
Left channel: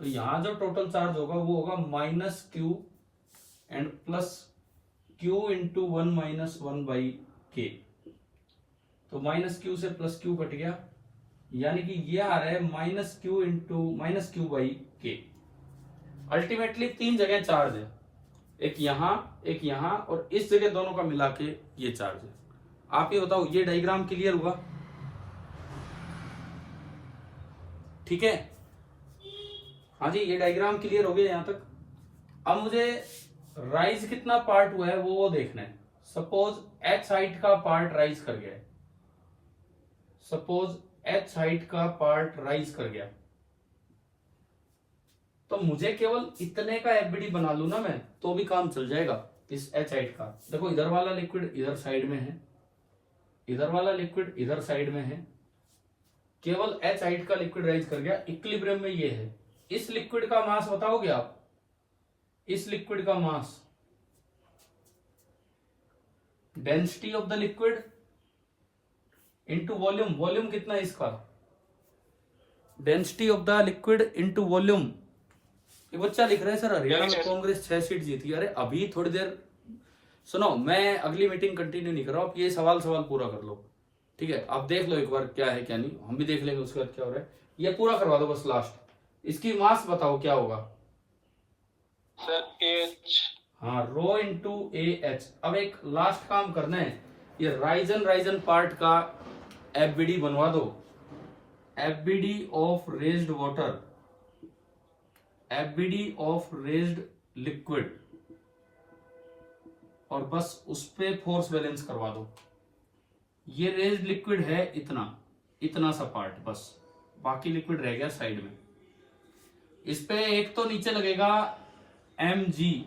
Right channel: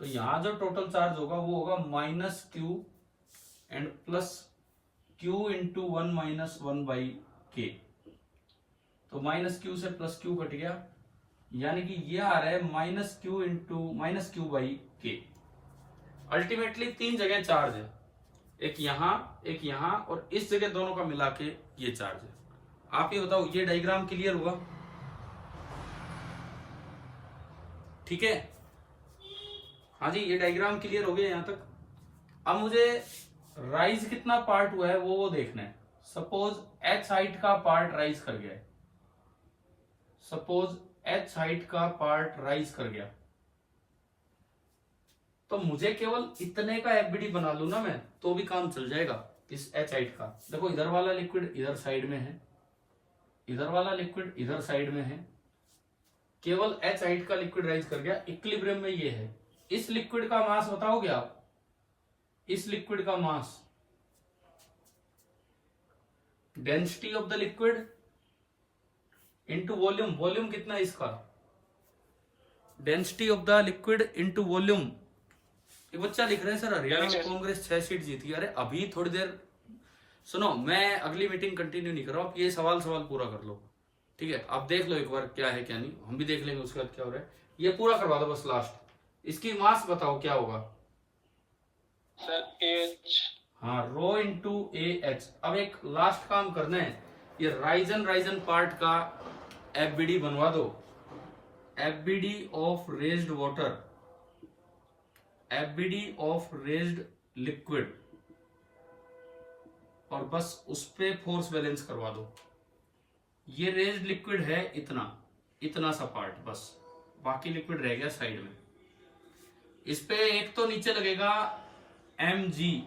तो यहां जो टोटल चार्ज होगा वो होगा -Q and plus Q into 1-1/k। तो -Q से +Q कट गया, यानी कि ये आ रहा है -Q इंटू -Q/k। अल्टीमेटली 3 जगह चार्ज है, एक यहां और इस जगह, दोनों का मिला के ये चार्ज है। आप ये बताओ, ये डायग्राम क्लियर हुआ? ठीक है, हाँ जी, ये डायग्राम क्लियर हो गया यहां तक। अब मुझे राइज कितना पार्ट हुआ है वो देखना है। सपोज h हाइट का पार्ट राइज कर गया है, सपोज h हाइट का पार्ट राइज कर गया, तो मुझे केवल इतने का एफबीडी बना लू ना मैं, तो भी काम चल जाएगा इस h हाइट का। देखो, इधर वाला लिक्विड इधर साइड में है, इधर वाला लिक्विड इधर साइड में है, केवल h हाइट का लिक्विड राइज कर गया, इक्विलिब्रियम में ये है। इस लिक्विड का मास बताओगे आप? इस लिक्विड का mass, density of the liquid into volume. Volume कितना है इसका? Density of the liquid into volume. ये बच्चा लिख रहे हैं सर हरियाणा में कांग्रेस 6 सीट जीती। अरे अभी थोड़ी देर सुनो, मैं अगली मीटिंग कंटिन्यू नहीं कर रहा हूं, आप ये सवाल पूरा कर लो, ठीक है? आप देख लो एक बार क्या है क्या नहीं, हम भी देख लेंगे उसके बाद क्या हो रहा है। ये पूरा करवा दो बस लास्ट। इसकी मास बताओ क्या होगा? Sir H. हाँ, रो इंटू AH। अब एक लास्ट काम करना है, ये राइजन पार्ट का एफबीडी बनवा दो, FBD of raised water, FBD of raised liquid, और बस उस पे फोर्स बैलेंस करवा दो। ये रेज्ड लिक्विड है इतना सा पार्ट, बस बाकी लिक्विड रह गया साइड में। इस पे एक तो नीचे लगेगा mg,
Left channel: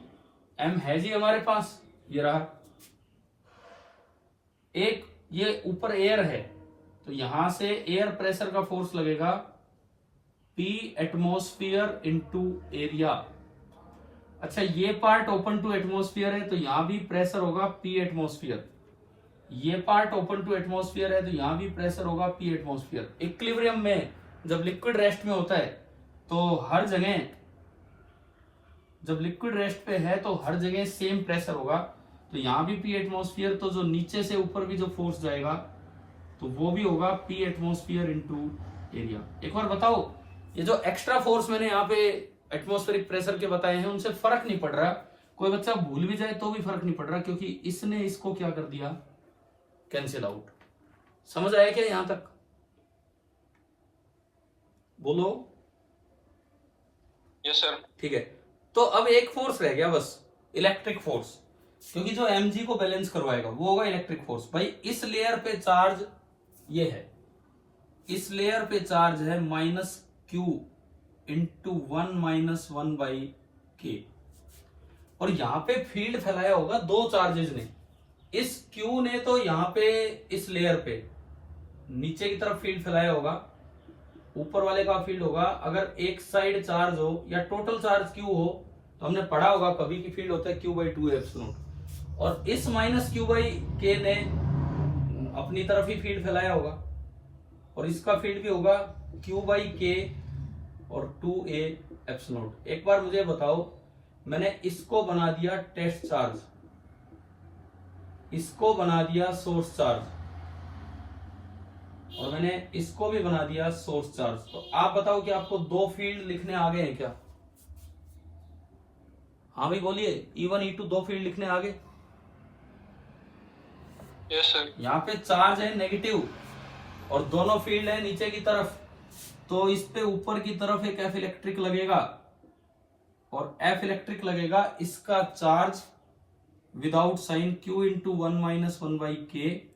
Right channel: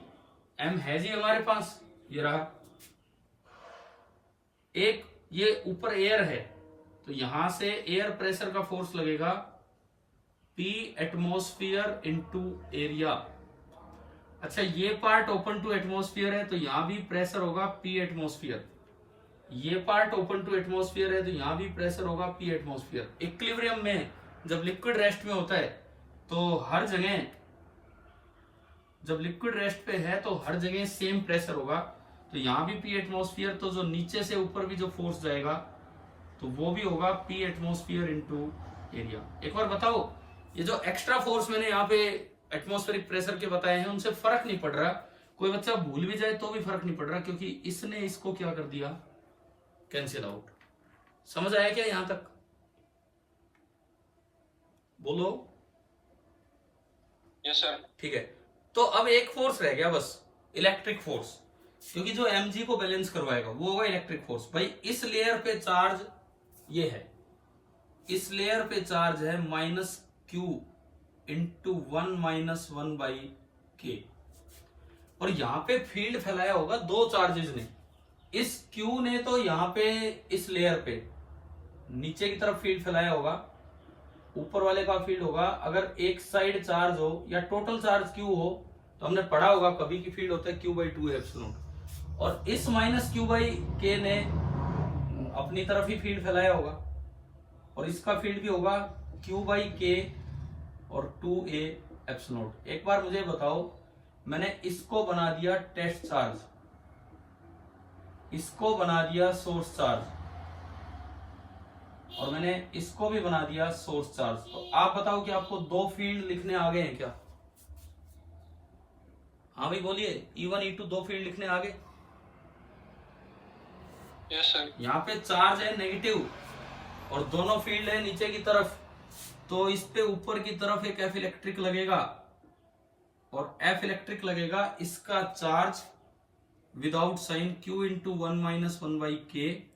m है जी हमारे पास, ये रहा। एक ये ऊपर एयर है, तो यहां से एयर प्रेशर का फोर्स लगेगा P एटमॉस्फेयर इंटू एरिया। अच्छा, ये पार्ट ओपन टू एटमॉस्फेयर है, तो यहां भी प्रेशर होगा P एटमॉस्फेयर। ये पार्ट ओपन टू एटमॉस्फेयर है, तो यहां भी प्रेशर होगा P एटमॉस्फेयर। इक्विलिब्रियम में जब लिक्विड रेस्ट में होता है, तो हर जगह, जब लिक्विड रेस्ट पे है तो हर जगह सेम प्रेशर होगा, तो यहां भी P एटमॉस्फेयर, तो जो नीचे से ऊपर भी जो फोर्स जाएगा तो वो भी होगा P एटमॉस्फेयर इंटू एरिया। एक बार बताओ, ये जो एक्स्ट्रा फोर्स मैंने यहाँ पे एटमॉस्फेरिक प्रेशर के बताए हैं, उनसे फर्क नहीं पड़ रहा। कोई बच्चा भूल भी जाए तो भी फर्क नहीं पड़ रहा, क्योंकि इसने इसको क्या कर दिया, कैंसिल आउट। समझ आया क्या यहां तक? बोलो। Yes sir. ठीक है, तो अब एक फोर्स रह गया बस, इलेक्ट्रिक फोर्स, क्योंकि जो mg को बैलेंस करवाएगा वो होगा इलेक्ट्रिक फोर्स। भाई इस लेयर पे चार्ज ये है, इस लेयर पे चार्ज है -Q इंटू 1-1/k, और यहां पे फील्ड फैलाया होगा दो चार्जेस ने। इस Q ने तो यहां पे इस लेयर पे नीचे की तरफ फील्ड फैलाया होगा, ऊपर वाले का फील्ड होगा। अगर एक साइड चार्ज हो या टोटल चार्ज Q हो, तो हमने पढ़ा होगा कभी की फील्ड होता है Q/2 एप्सिलॉन, और इस -Q/k ने अपनी तरफ ही फील्ड फैलाया होगा, और इसका फील्ड भी होगा Q/k और 2a एप्सिलॉन। एक बार मुझे बताओ, मैंने इसको बना दिया टेस्ट चार्ज, इसको बना दिया सोर्स चार्ज, और मैंने इसको भी बना दिया सोर्स चार्ज। तो आप बताओ कि आपको दो फील्ड लिखने आ गए हैं क्या? हाँ भाई बोलिए, E1 E2 दो फील्ड लिखने आ गए? Yes sir. यहाँ पे चार्ज है नेगेटिव और दोनों फील्ड है नीचे की तरफ, तो इस पे ऊपर की तरफ एक एफ इलेक्ट्रिक लगेगा और एफ इलेक्ट्रिक लगेगा, इसका charge without sign Q into 1 minus 1 by k,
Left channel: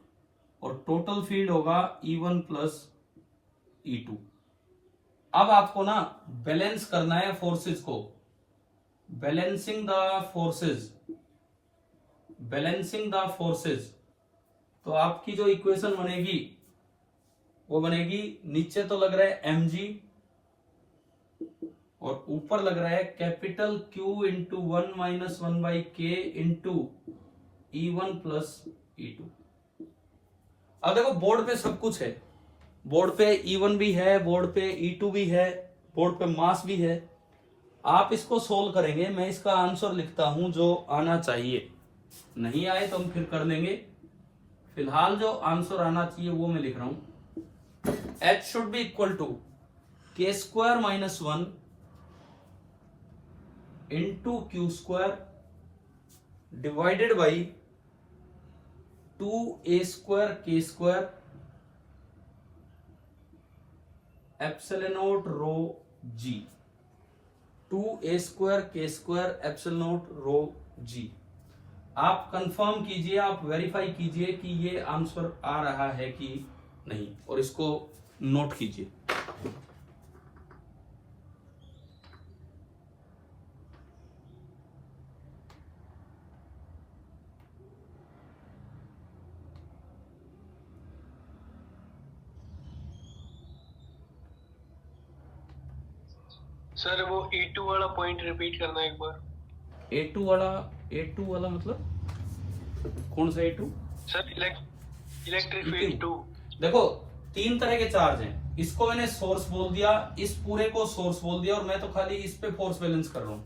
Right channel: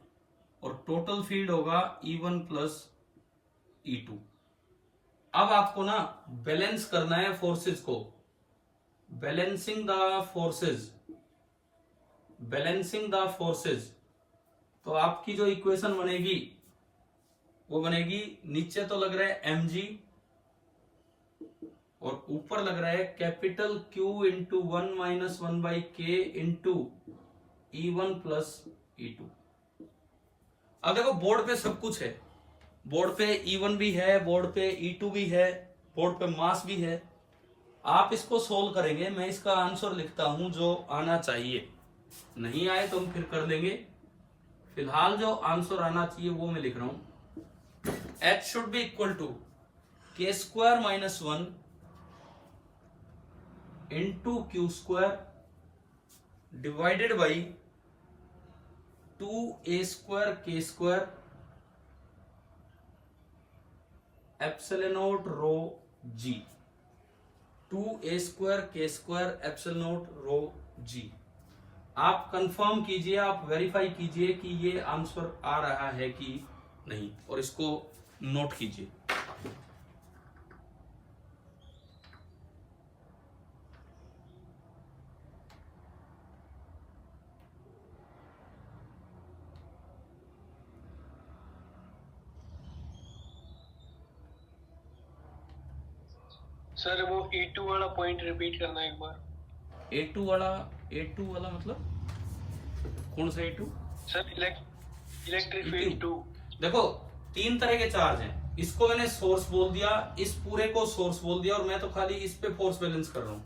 और टोटल फील्ड होगा E1 प्लस E2। अब आपको ना बैलेंस करना है फोर्सेस को, balancing the forces, balancing the forces. तो आपकी जो इक्वेशन बनेगी वो बनेगी, नीचे तो लग रहा है mg और ऊपर लग रहा है capital Q into 1 minus 1 by के इंटू E1 प्लस E2। अब देखो बोर्ड पे सब कुछ है, बोर्ड पे E1 भी है, बोर्ड पे E2 भी है, बोर्ड पे मास भी है। आप इसको सोल्व करेंगे, मैं इसका आंसर लिखता हूं जो आना चाहिए, नहीं आए तो हम फिर कर लेंगे। फिलहाल जो आंसर आना चाहिए वो मैं लिख रहा हूं, H should be equal to k square minus 1 into q square divided by 2a square k square epsilon naught rho g, 2a square k square epsilon naught rho g. आप कंफर्म कीजिए, आप वेरीफाई कीजिए कि ये answer आ रहा है कि नहीं, और इसको नोट कीजिए। सर वो E2 वाला पॉइंट रिपीट करना एक बार। A2 वाला मतलब कौन सा A2? Sir electric field 2। देखो तीन तरह के चार्ज हैं, इसको मैंने सोर्स बोल दिया, इस पूरे को सोर्स बोल दिया, और मैं तो खाली इस पे फोर्स बैलेंस कर रहा हूं।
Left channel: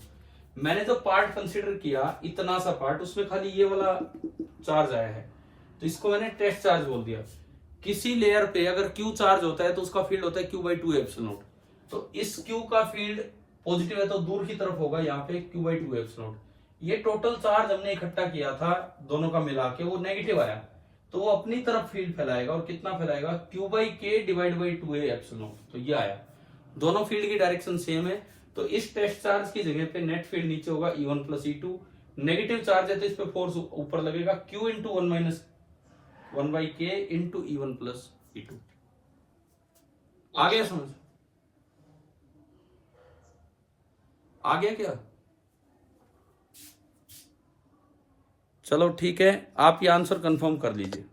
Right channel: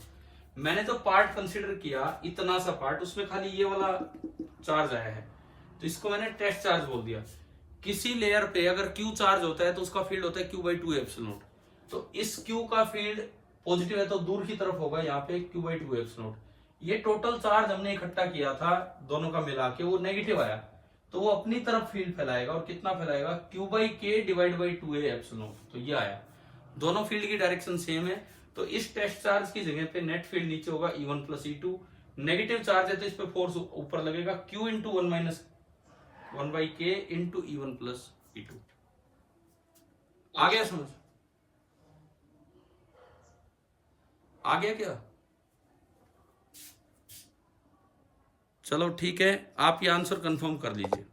मैंने जो पार्ट कंसीडर किया, इतना सा पार्ट, उसमें खाली ये वाला चार्ज आया है, तो इसको मैंने टेस्ट चार्ज बोल दिया। किसी लेयर पे अगर Q चार्ज होता है तो उसका फील्ड होता है Q/2 एप्सिलॉन नॉट। तो इस Q का फील्ड पॉजिटिव है तो दूर की तरफ होगा, यहाँ पे Q/2 एप्सिलॉन नॉट। ये टोटल चार्ज हमने इकट्ठा किया था दोनों का मिला के, वो नेगेटिव आया, तो वो अपनी तरफ फील्ड फैलाएगा, और कितना फैलाएगा? Q/K divide by 2a epsilon not. तो ये आया, दोनों फील्ड की डायरेक्शन सेम है, तो इस टेस्ट चार्ज की जगह पे नेट फील्ड नीचे होगा E1 plus E2। Negative charge है तो इस पे फोर्स ऊपर लगेगा Q इंटू 1 माइनस 1 बाई के इंटू E1 प्लस E2। आ गया समझ? आ गया क्या? चलो ठीक है, आप ये आंसर कंफर्म कर लीजिए।